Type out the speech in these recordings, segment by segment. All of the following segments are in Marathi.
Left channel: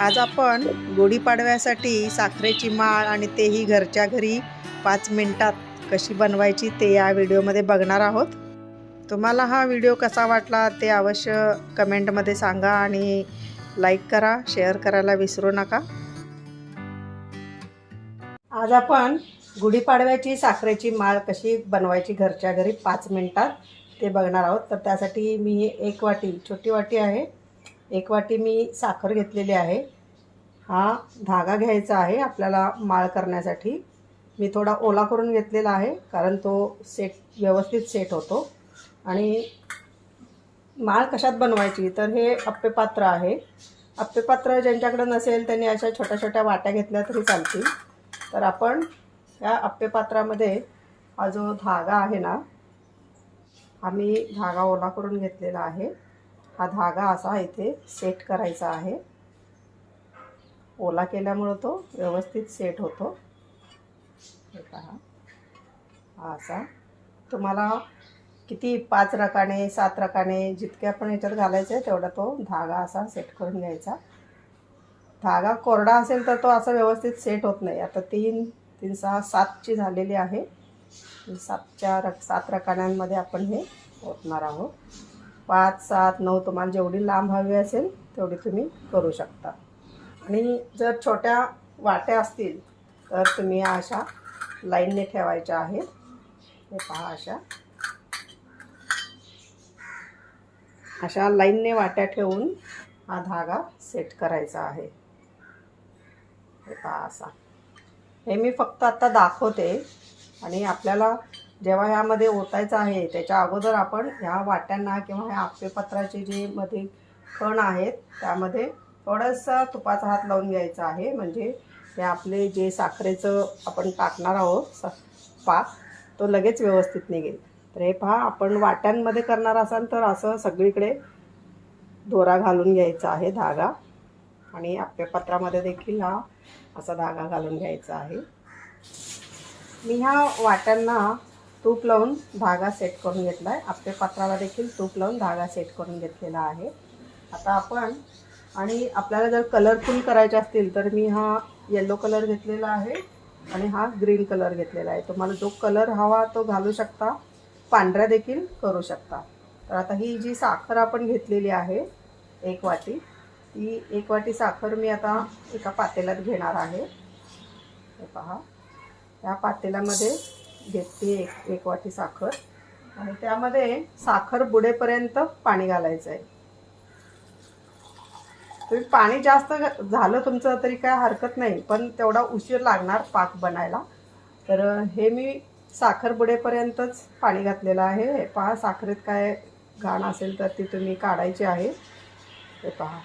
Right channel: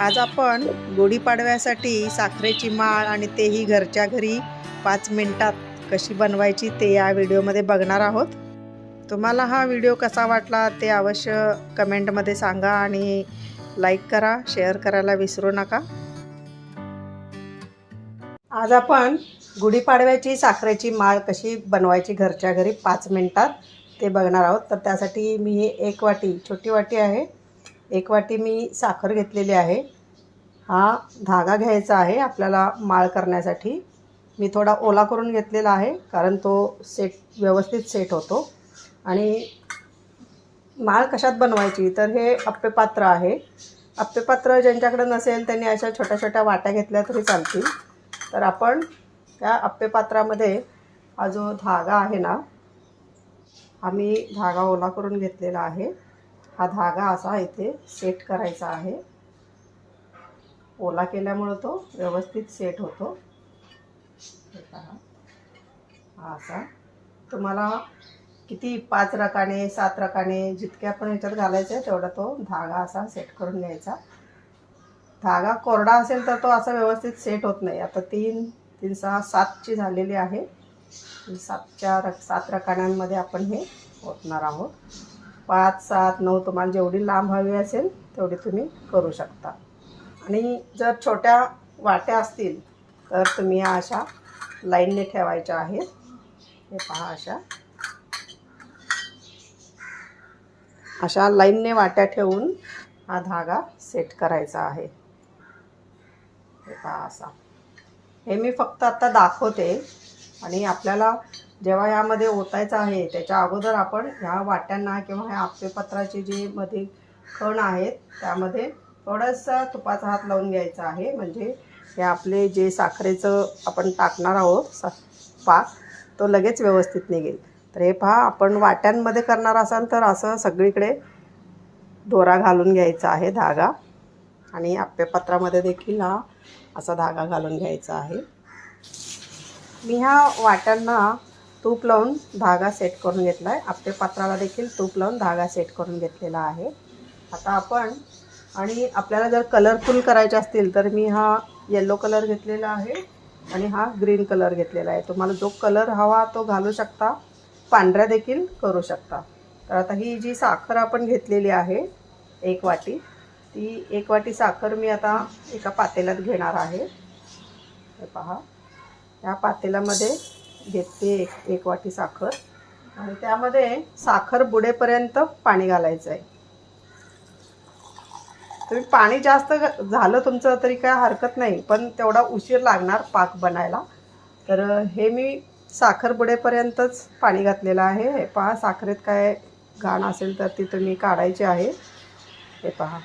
आज आपण गुढीपाडव्यासाठी साखरेची माळ आणि तेही घरच्या घरी 5 मिनिटात कशी बनवायची ते या व्हिडिओमध्ये बघणार आहोत. तुम्हाला हा व्हिडिओ कसा वाटला ते अवश्य कमेंटमध्ये सांगा आणि लाईक करा, शेअर करायला विसरू नका. आज आपण गुढीपाडव्याची साखरेची माळ कशी बनवायची घरच्या घरी 5 मिनिटात ते बघणार आहोत. तर त्यासाठी मी हे 1 वाटी, छोटी वाटी आहे, 1 वाटी मी साखर घेतलेली आहे. हा धागा घ्यायचा आहे आपल्याला माळ करण्यासाठी. मी थोडा ओला करून घेतलेला आहे कारण तो व्यवस्थित सेट होतो. आणि माळ कशात बनवायची तर हे अप्पेपात्र आहे. अप्पेपात्र ज्यांच्याकडे नसेल त्यांनी अशा छोट्या छोट्या वाट्या घेतल्या तरी चालतील. तर आपण त्या अप्पेपात्रामध्ये हा जो धागा आहे ना, हा मी धागा ओला करून घेतलेला आहे. हा धागा असा इथे सेट करायचा आहे. ओला केल्यामुळे तो व्यवस्थित सेट होतो. हे पहा, हा असा तुम्हाला किती 5 रकाने 7 रकाने जितके आपण ह्याच्यात घालायचे आहे तेवढा तो धागा असा सेट करून घ्यायचा. धागा कोरडा असेल तर तो असा व्यवस्थित सेट होत नाही. आता 3, 3, 6, 7ची झालेली आहे. 7 रकान्यांमध्ये आपण हे ओतणार आहोत. 5, 7, 9 तुम्हाला जेवढी लांब हवी असेल तेवढी तुम्ही करू शकता. आणि जर छोट्या वाट्या असतील तर तुम्ही अशा लाईनने ठेवायच्या आहेत. हे पहा, अशा लाईनने वाट्या ठेवून हा धागा सेट करायचा आहे. हे पहा असा. हे मी फक्त आता दाखवते आणि आपल्याला जेव्हा ह्यामध्ये ओतायचं आहे त्याच्या अगोदर आपण ह्या वाट्यांना किंवा ह्या अप्पेपत्राचे जे मध्ये कण आहेत त्यामध्ये थोडासा तुपाचा हात लावून घ्यायचा आहे. म्हणजे हे आपले जे साखरेचं आपण टाकणार आहोत पाक तो लगेच व्यवस्थित निघेल. तर हे पहा, आपण वाट्यांमध्ये करणार असाल तर असं सगळीकडे दोरा घालून घ्यायचा आहे धागा. आणि अप्पेपत्रामध्ये देखील हा असा धागा घालून घ्यायचा आहे. मी ह्या वाट्यांना तूप लावून धागा सेट करून घेतला आहे. अप्पेपात्राला देखील तूप लावून धागा सेट करून घेतलेला आहे. आता आपण आणि आपल्याला जर कलरफुल करायचे असतील तर मी हा येलो कलर घेतलेला आहे आणि हा ग्रीन कलर घेतलेला आहे. तुम्हाला जो कलर हवा तो घालू शकता, पांढरा देखील करू शकता. तर आता ही जी साखर आपण घेतलेली आहे 1 वाटी, ती 1 वाटी साखर मी आता एका पातेल्यात घेणार आहे. हे पहा, या पातेल्यामध्ये घेतली 1 वाटी साखर आणि त्यामध्ये साखर बुडेपर्यंत पाणी घालायचं आहे. तुम्ही पाणी जास्त झालं तुमचं तरी काय हरकत नाही, पण तेवढा उशीर लागणार पाक बनायला. तर हे मी साखर बुडेपर्यंतच पाणी घातलेलं आहे. हे पहा, साखरेत काय घाण असेल तर ती तुम्ही काढायची आहे. हे पहा,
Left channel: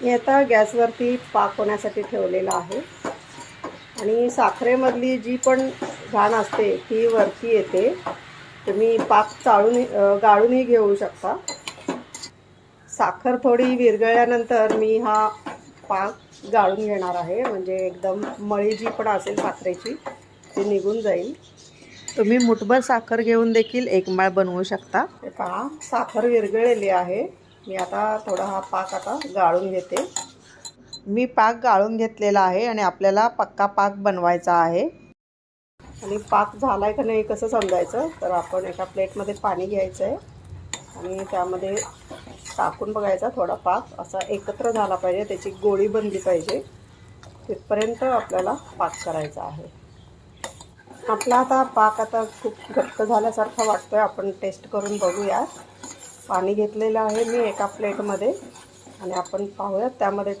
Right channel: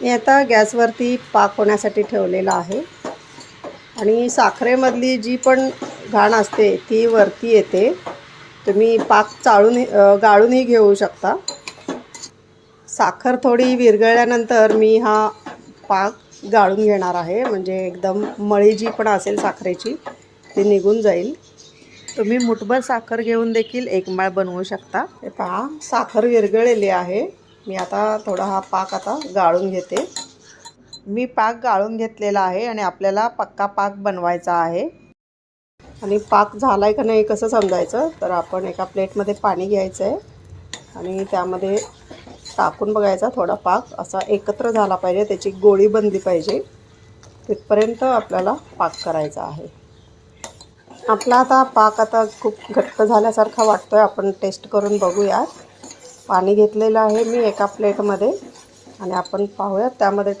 मी आता गॅसवरती पाक होण्यासाठी ठेवलेला आहे आणि साखरेमधली जी पण घाण असते ती वरती येते. तुम्ही पाक गाळूनही घेऊ शकता. साखर थोडी विरघळल्यानंतर मी हा पाक गाळून घेणार आहे. म्हणजे एकदम मळी जी पण असेल साखरेची ती निघून जाईल. तुम्ही मुठभर साखर घेऊन देखील 1 माळ बनवू शकता. हे पहा, साखर विरघळलेली आहे. मी आता थोडा हा पाक आता गाळून घेते. मी पाक गाळून घेतलेला आहे आणि आपल्याला पक्का पाक बनवायचा आहे. आणि पाक झालाय का नाही कसं समजायचं तर आपण एका प्लेटमध्ये पाणी घ्यायचं आहे आणि त्यामध्ये टाकून बघायचा. थोडा पाक असा एकत्र झाला पाहिजे, त्याची गोळी बनली पाहिजे, तिथपर्यंत आपल्याला पाक करायचा आहे. आपला आता पाक आता खूप घट्ट झाल्यासारखा वाटतोय. आपण टेस्ट करून बघूया. पाणी घेतलेलं आहे मी एका प्लेटमध्ये आणि आपण पाहूयात त्यामध्ये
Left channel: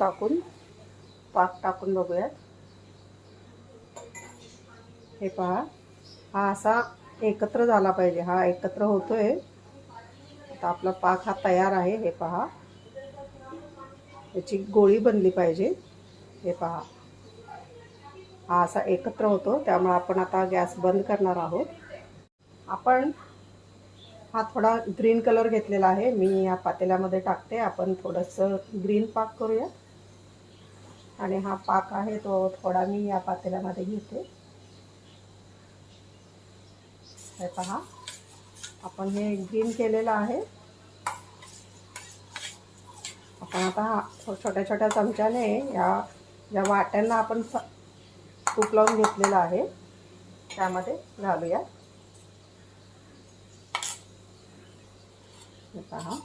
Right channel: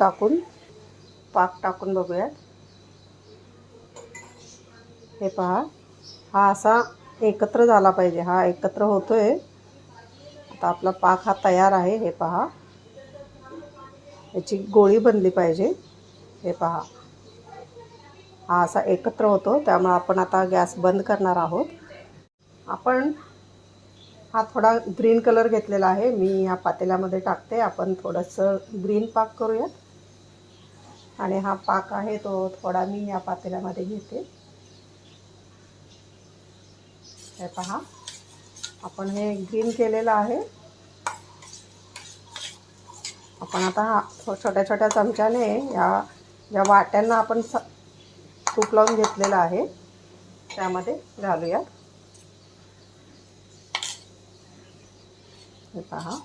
पाक टाकून बघूयात. हे पहा, हा असा एकत्र झाला पाहिजे. हा एकत्र होतोय. आता आपला पाक हा तयार आहे. हे पहा, याची गोळी बनली पाहिजे. हे पहा, हा असा एकत्र होतो. त्यामुळे आपण आता गॅस बंद करणार आहोत. आपण हा थोडा ग्रीन कलर घेतलेला आहे. मी या पातेल्यामध्ये टाकते. आपण थोडंसं ग्रीन पाक करूया. आणि हा पाक आहे तो थोडा मी या पातेल्यामध्ये घेते. हे पहा, आपण हे ग्रीन केलेलं आहे. आपण आता छोट्या छोट्या चमच्याने या ज्या वाट्यांना आपण तूप लावून घेतलेलं आहे त्यामध्ये घालूया. हे पहा,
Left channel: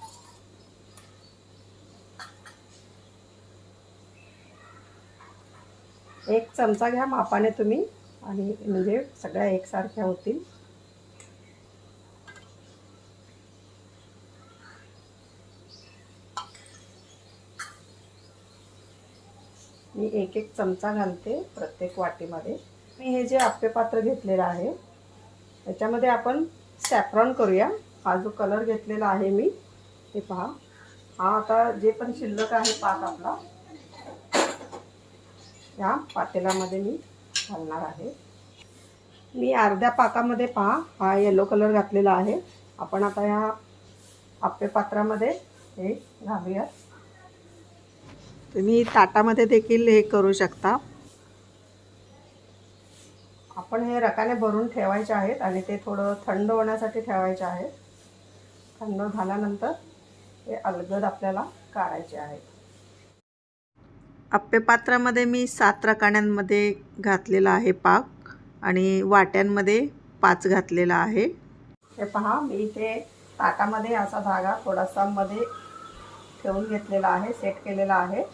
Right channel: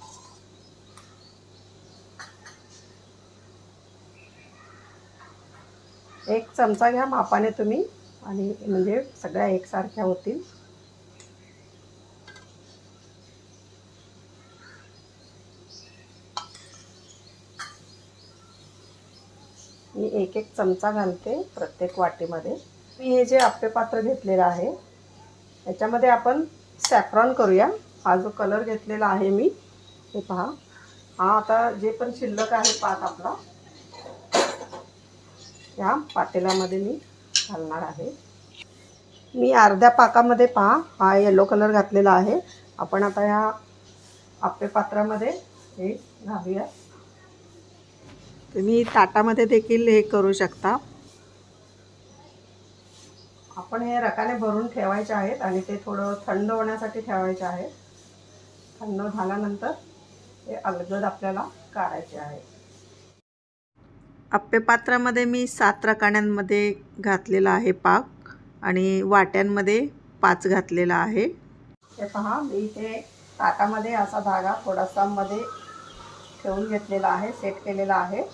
एक चमचा घ्या मापाने तुम्ही, आणि म्हणजे सगळ्या एकसारख्या होतील. मी एक एक चमचा घालते प्रत्येक वाटीमध्ये. मी हे जे आप्पे पात्र घेतलेलं आहे त्याच्यामध्ये आपण सॅफ्रॉन करूया. हा जो कलर घेतलेला आहे मी, हे पहा, हा आता जे पण शिल्लक आहे पाक आपला या पातेल्यामध्ये मी घालणार आहे. मी अर्ध्या पाकामध्ये पहा हा येलो कलर घातलेला आहे. आपण आता ह्या आप्पे पात्रामध्ये हे घालूया. तुम्ही ताटामध्ये देखील हे करू शकता. आपण हे रकाने भरून ठेवायचे आहेत आणि ते थोडं थंड होण्यासाठी ठेवायचे आहेत. थंड झाल्यानंतर हे अलगद आपल्याला काढायचे आहे. आप्पे पात्रामध्ये मी 7 रकान्यांमध्ये घातलेला आहे पाक आणि वाट्यांमध्ये 5 घातलेला आहे. हे पहा, मी इथे ताटामध्ये असा धागा थोडासा मध्ये ठेवून घेतलेला आहे, सेट केलेला आहे.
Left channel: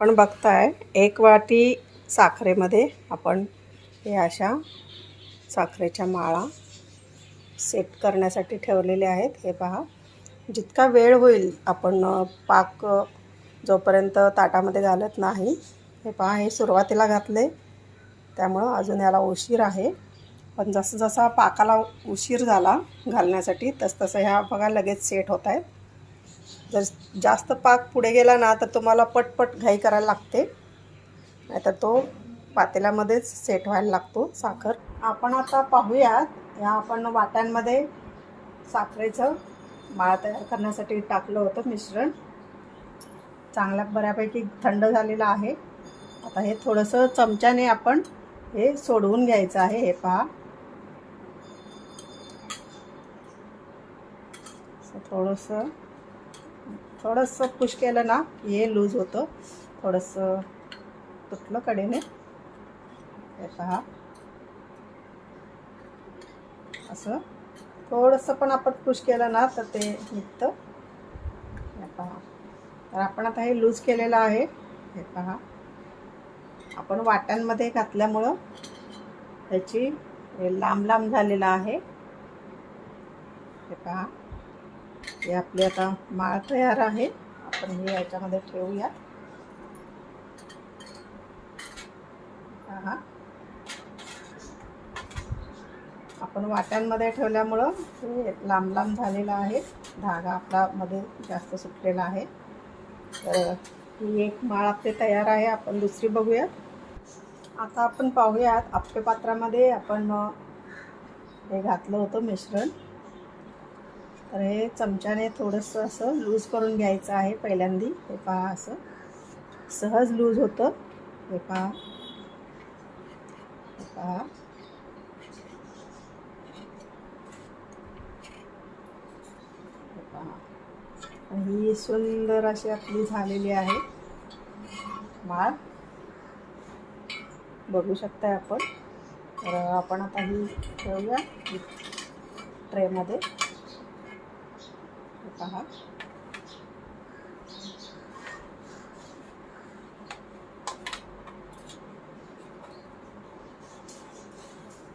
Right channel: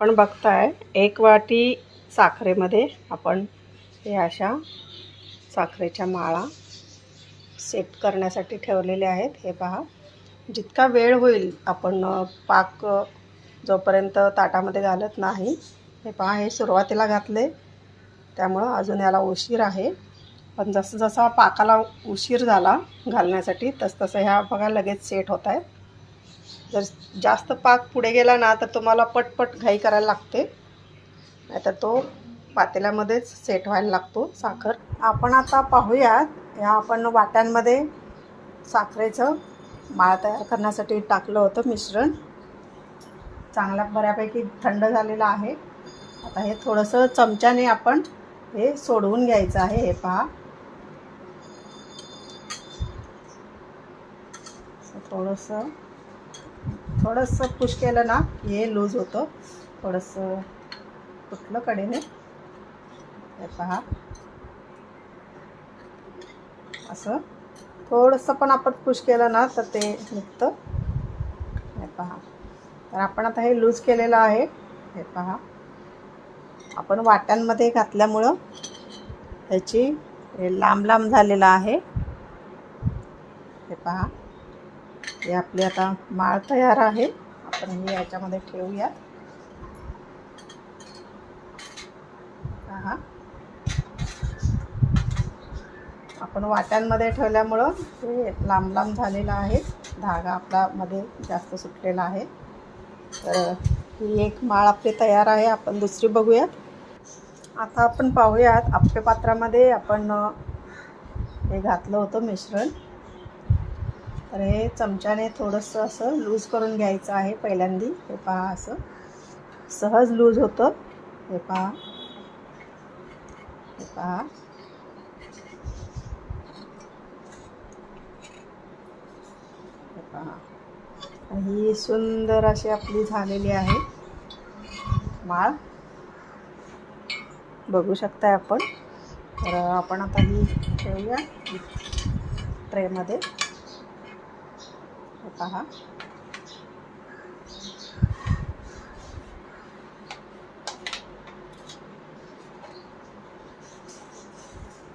आपण बघताय 1 वाटी साखरेमध्ये आपण हे अशा साखरेच्या माळा सेट करण्यासाठी ठेवलेले आहेत. हे पहा, जितका वेळ होईल आपण पाक जोपर्यंत ताटामध्ये घालत नाही, हे पहा, हे सुरुवातीला घातले त्यामुळं अजून याला उशीर आहे. पण जसं जसा पाकाला उशीर झाला घालण्यासाठी तसं ह्या बघा लगेच सेट होत आहेत. जर जास्त पाक पुढे गेला ना तर तुम्हाला पटपट घाई करायला लागते, नाहीतर तो पातेल्यामध्येच सेट व्हायला लागतो साखर. आपण आता पाहूयात, ह्या आपण वाट्यांमध्ये साखरेचं माळ तयार करण्यासाठी टाकलं होतं मिश्रण. चांगल्या बऱ्यापैकी थंड झालेलं आहे. आता हे थोडंसं चमच्याने आपण हे सोडवून घ्यायचं आहे. हे पहा, थोडंसं पुश केलं ना हे लूज होतं, थोडंसं तुटलं कडेने. हे पहा, असं थोडंसं पण आपण पुश केलं ना तर ते निघतं. हे पहा, तर आपण आता हे लूज केलेलं आहे. हे पहा, आपण वाट्यांमध्ये घातल्यामुळं ह्याची लांब लांब झालेलं आहे. हे पहा, हे आपली आता माळ तयार आहे. आपण हे याच्यामध्ये ठेवूया. पहा, आपण वाट्यांमध्ये ठेवल्यामुळं हे लांब लांब झालेलं आहे. धागा आपला मध्ये जास्त सुटलेला आहे. तर ही एक माळ आपली तयार आहे. आपण दुसरी बघूया. आता आपण पाहूयात, आप्पे पात्रामध्ये आपण हे घातलं होतं मिश्रण. तर हे चमच्याने थोडंसं असं लूज करून घ्यायचं आहे पहिल्यांदी. हे पहा, असं सहज लूज होतं. हे पहा, हे पहा, हे पहा, ही सुंदर अशी आपली झालेली आहे माळ, बघू शकताय आपण. तर आपण आता ही ठेवूया ट्रेमध्ये. हे पहा,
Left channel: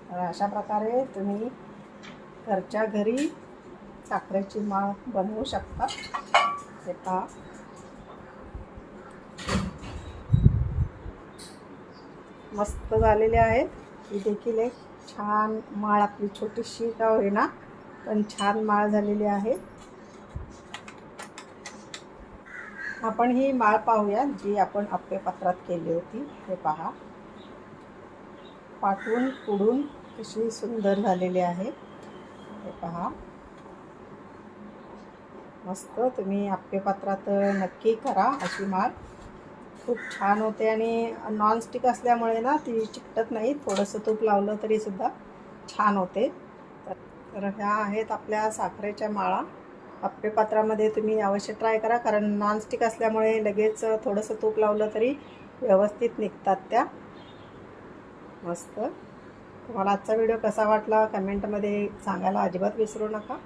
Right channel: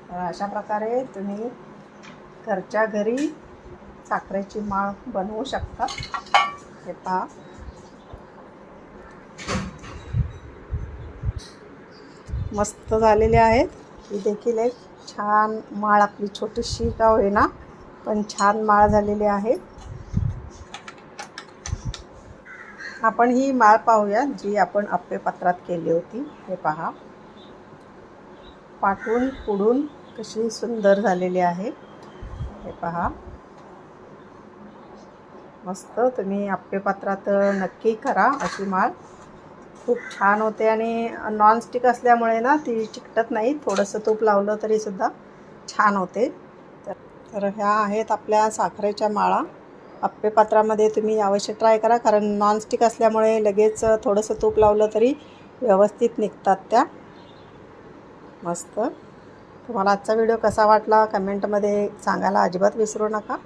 तर अशा प्रकारे तुम्ही घरच्या घरी साखरेची माळ बनवू शकता. हे पहा, मस्त झालेले आहेत. ही देखील एक छान माळ आपली छोटीशी का होईना पण छान माळ झालेली आहे. आपण ही माळ पाहूया जी आपण आप्पे पात्रात केली होती. हे पहा, पाठून पुढून कशी सुंदर झालेली आहे. हे पहा, मस्त. तुम्ही आप्पे पात्रात नक्की करा अशी माळ, खूप छान होते. आणि नॉनस्टिक असल्यामुळे ना ती चिकटत नाही, थोडंसं तूप लावलं तरी सुद्धा छान होते. तर ह्या आहेत आपल्या साखरेच्या माळा. आप्पे पात्रामध्ये तुम्ही अवश्य ट्राय करा, कारण नॉनस्टिक असल्यामुळे लगेच थोडंसं तूप लावलं तरी व्यवस्थित निघतात त्या. मस्त. तुम्हाला आजचा व्हिडिओ कसा वाटला कमेंटमध्ये सांगायला अजिबात विसरू नका.